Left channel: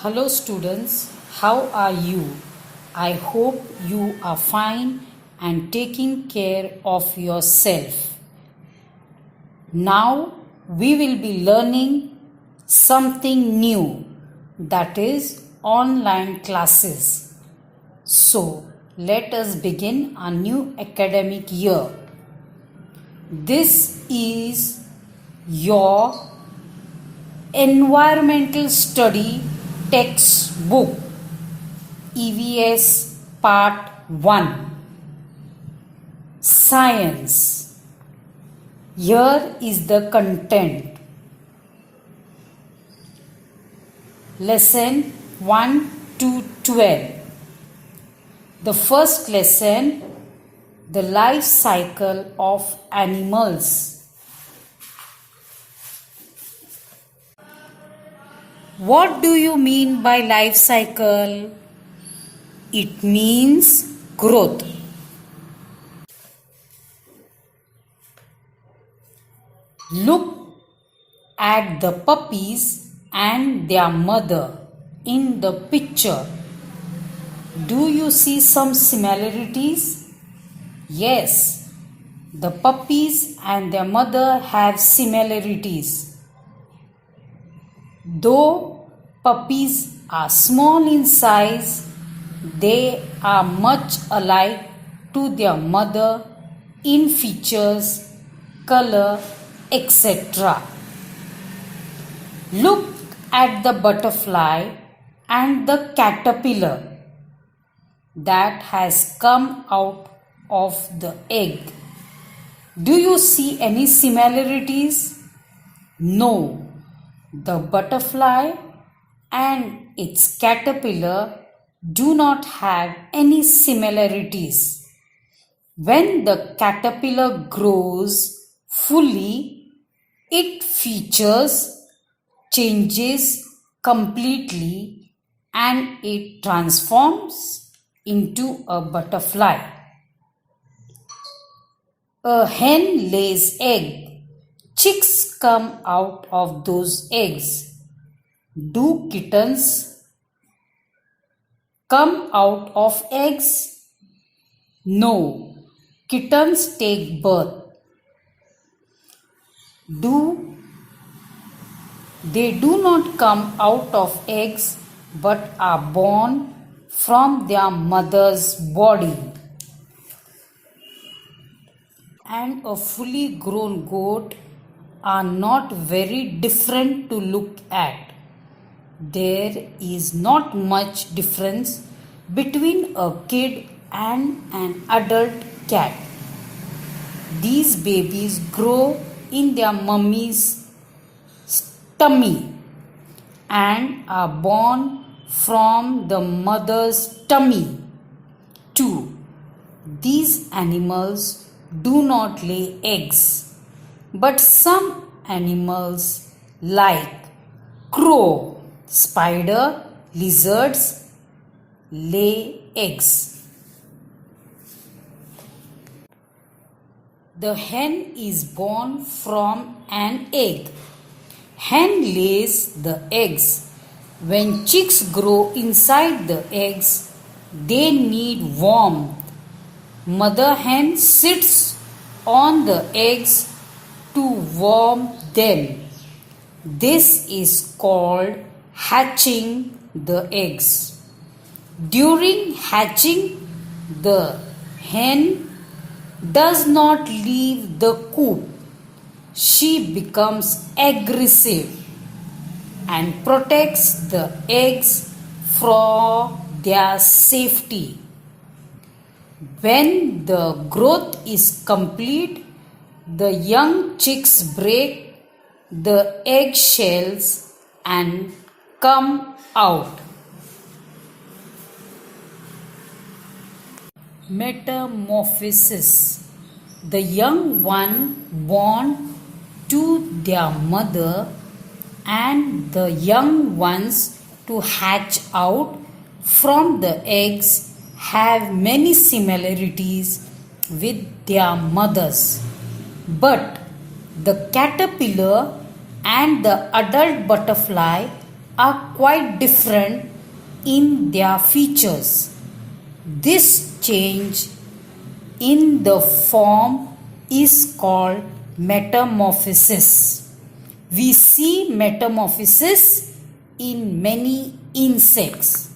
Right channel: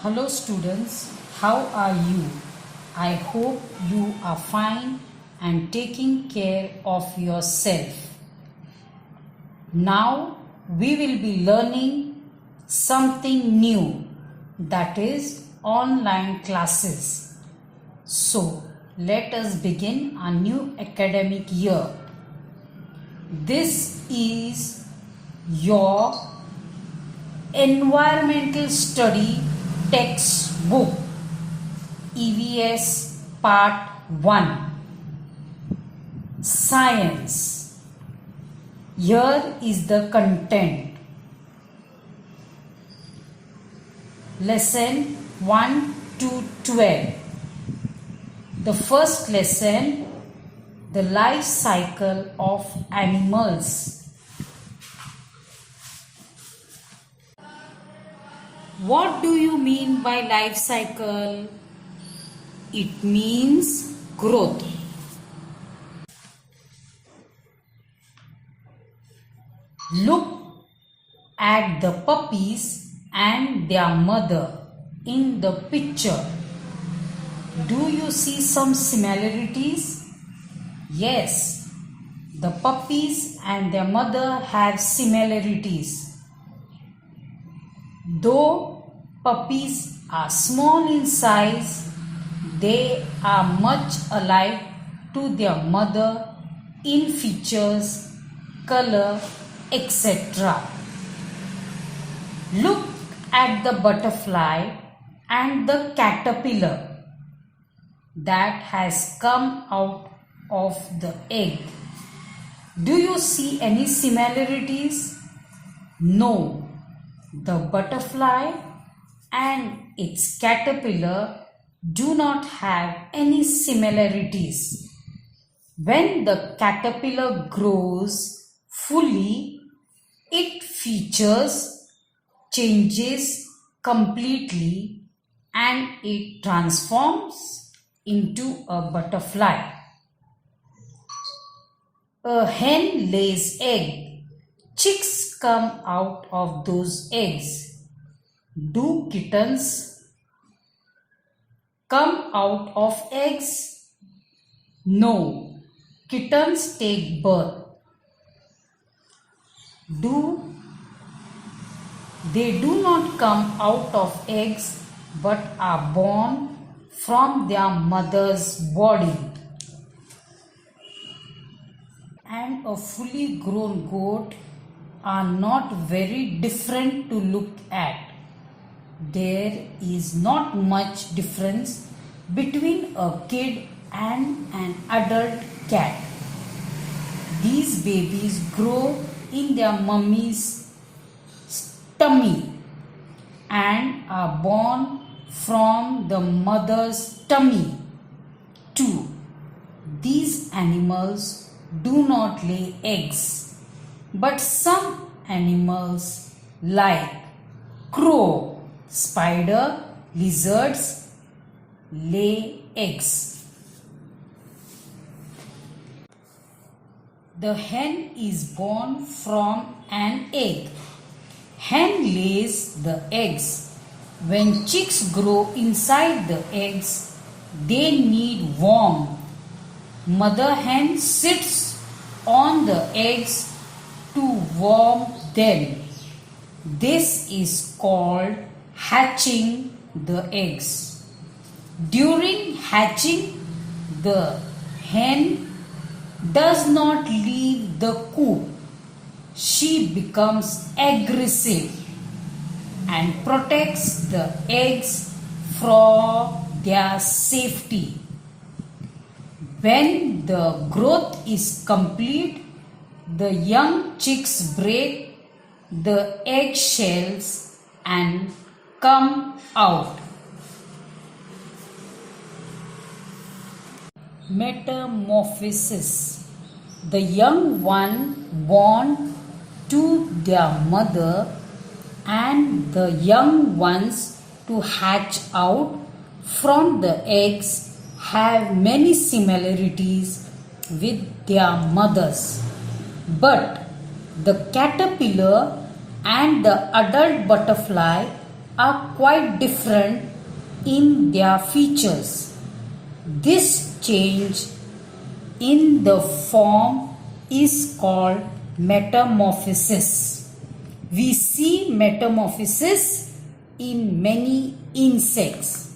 Hello students, how are you? I hope you are fine and taking care of yourself. Now we will be learning something new, that is online classes. So let us begin a new academic year. This is your environmental study textbook EVS part 1 Science. Here is the content. Lesson 1 to 12. The first lesson, the life cycle of animals. What do you mean by life cycle? It means growth. Look at the puppies and their mother in the picture. Do you see some similarities? Yes, the puppies and their mother have similarities. Though puppies are small in size, they are much alike to their mother in features, color, etc. Look at the butterfly and the caterpillar that has come out of the egg. Do you see any similarities? No. The butterfly and its caterpillar do not have any similarities. When the caterpillar grows fully, it features changes completely and it transforms into a butterfly. A hen lays egg. Chicks come out of those eggs. Do kittens come out of eggs? No. Kittens take birth. They do not come out of eggs but are born from their mother's body. And a fully grown goat are not very different to look at. There is not much difference between a kid and an adult cat. These babies grow in their mummy's tummy and are born from the mother's tummy too. These animals do not lay eggs. But some animals like crow, spider, lizards lay eggs. The hen is born from an egg. Hen lays the eggs. When chicks grow inside the eggs, they need warmth. Mother hen sits on the eggs to warm them. This is called hatching the eggs. During hatching, the hen does not leave the coop. She becomes aggressive and protects the eggs for their safety. When the growth is complete, the young chicks break the egg shells and come out. Metamorphosis. The young one born to their mother and the young ones to hatch out from the eggs have many similarities with their mothers. But the caterpillar and the adult butterfly are quite different in their features. This change in the form is called metamorphosis. We see metamorphosis in many insects.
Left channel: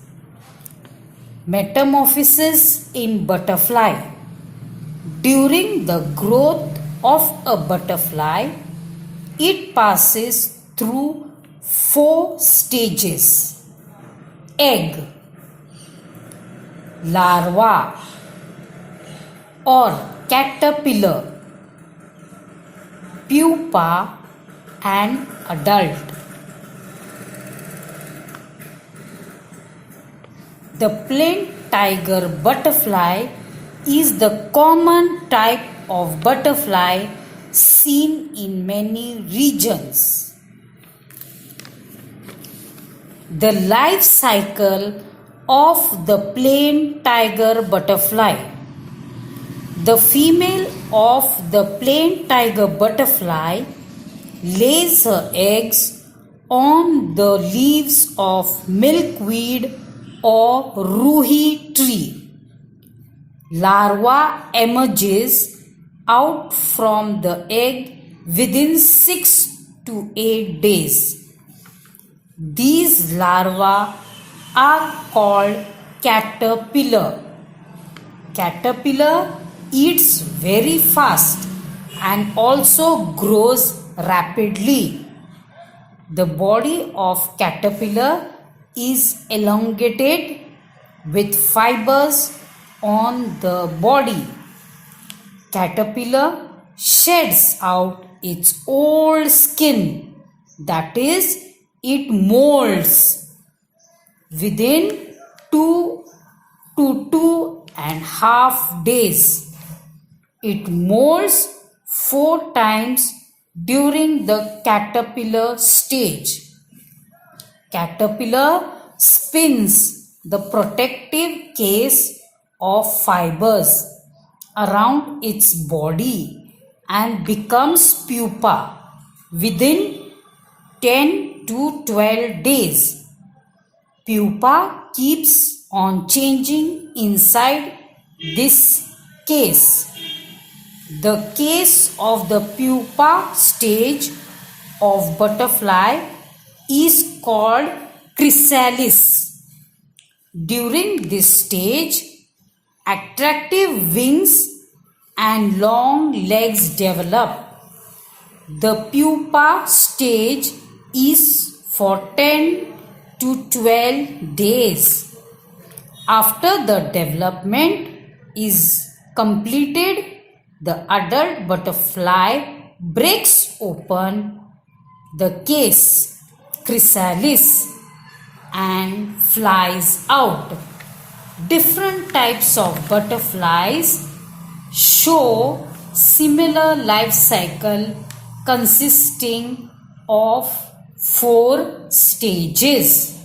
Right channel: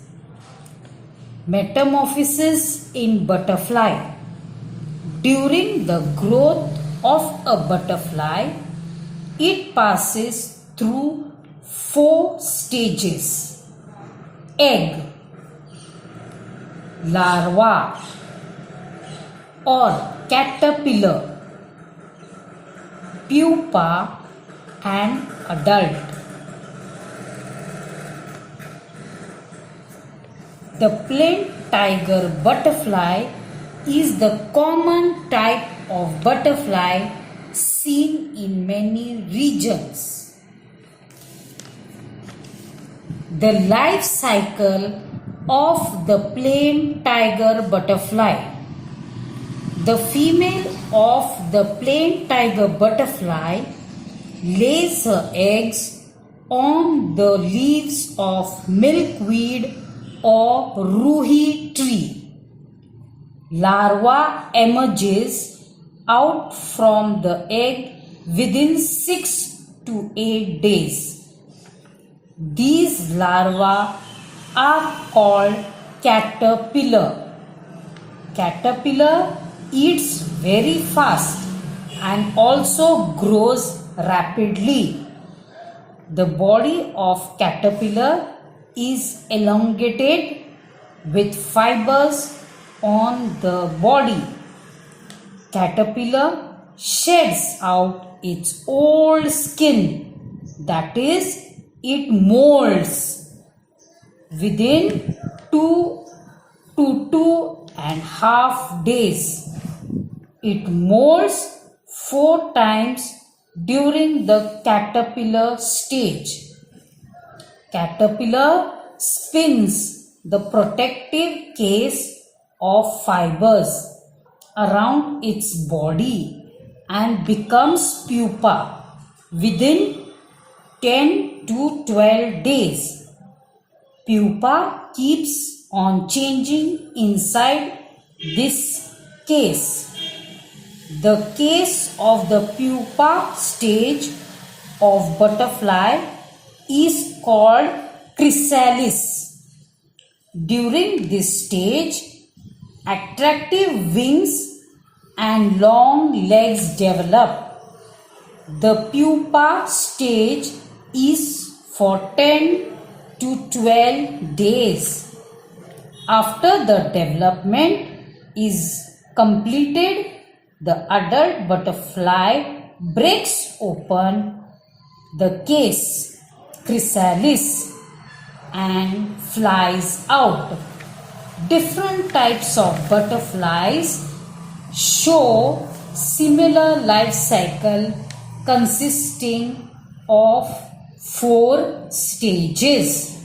Metamorphosis in butterfly. During the growth of a butterfly, it passes through 4 stages: egg, larva or caterpillar, pupa and adult. The plain tiger butterfly is the common type of butterfly seen in many regions. The life cycle of the plain tiger butterfly. The female of the plain tiger butterfly lays her eggs on the leaves of milkweed or ruhi tree. Larva emerges out from the egg within 6 to 8 days. These larvae are called caterpillar. Caterpillar eats very fast and also grows rapidly. The body of caterpillar is elongated with fibers on the body. Caterpillar sheds out its old skin, that is, it molds within 2 to 2.5 days. It molds 4 times during the caterpillar stage. Caterpillar spins the protective case of fibers around its body and becomes pupa within 10 to 12 days. Pupa keeps on changing inside this case. The case of the pupa stage of butterfly is called chrysalis. During this stage, attractive wings and long legs develop. The pupa stage is for 10 to 12 days. After the development is completed, the adult butterfly breaks open the case, chrysalis, and flies out. Different types of butterflies show similar life cycle consisting of 4 stages.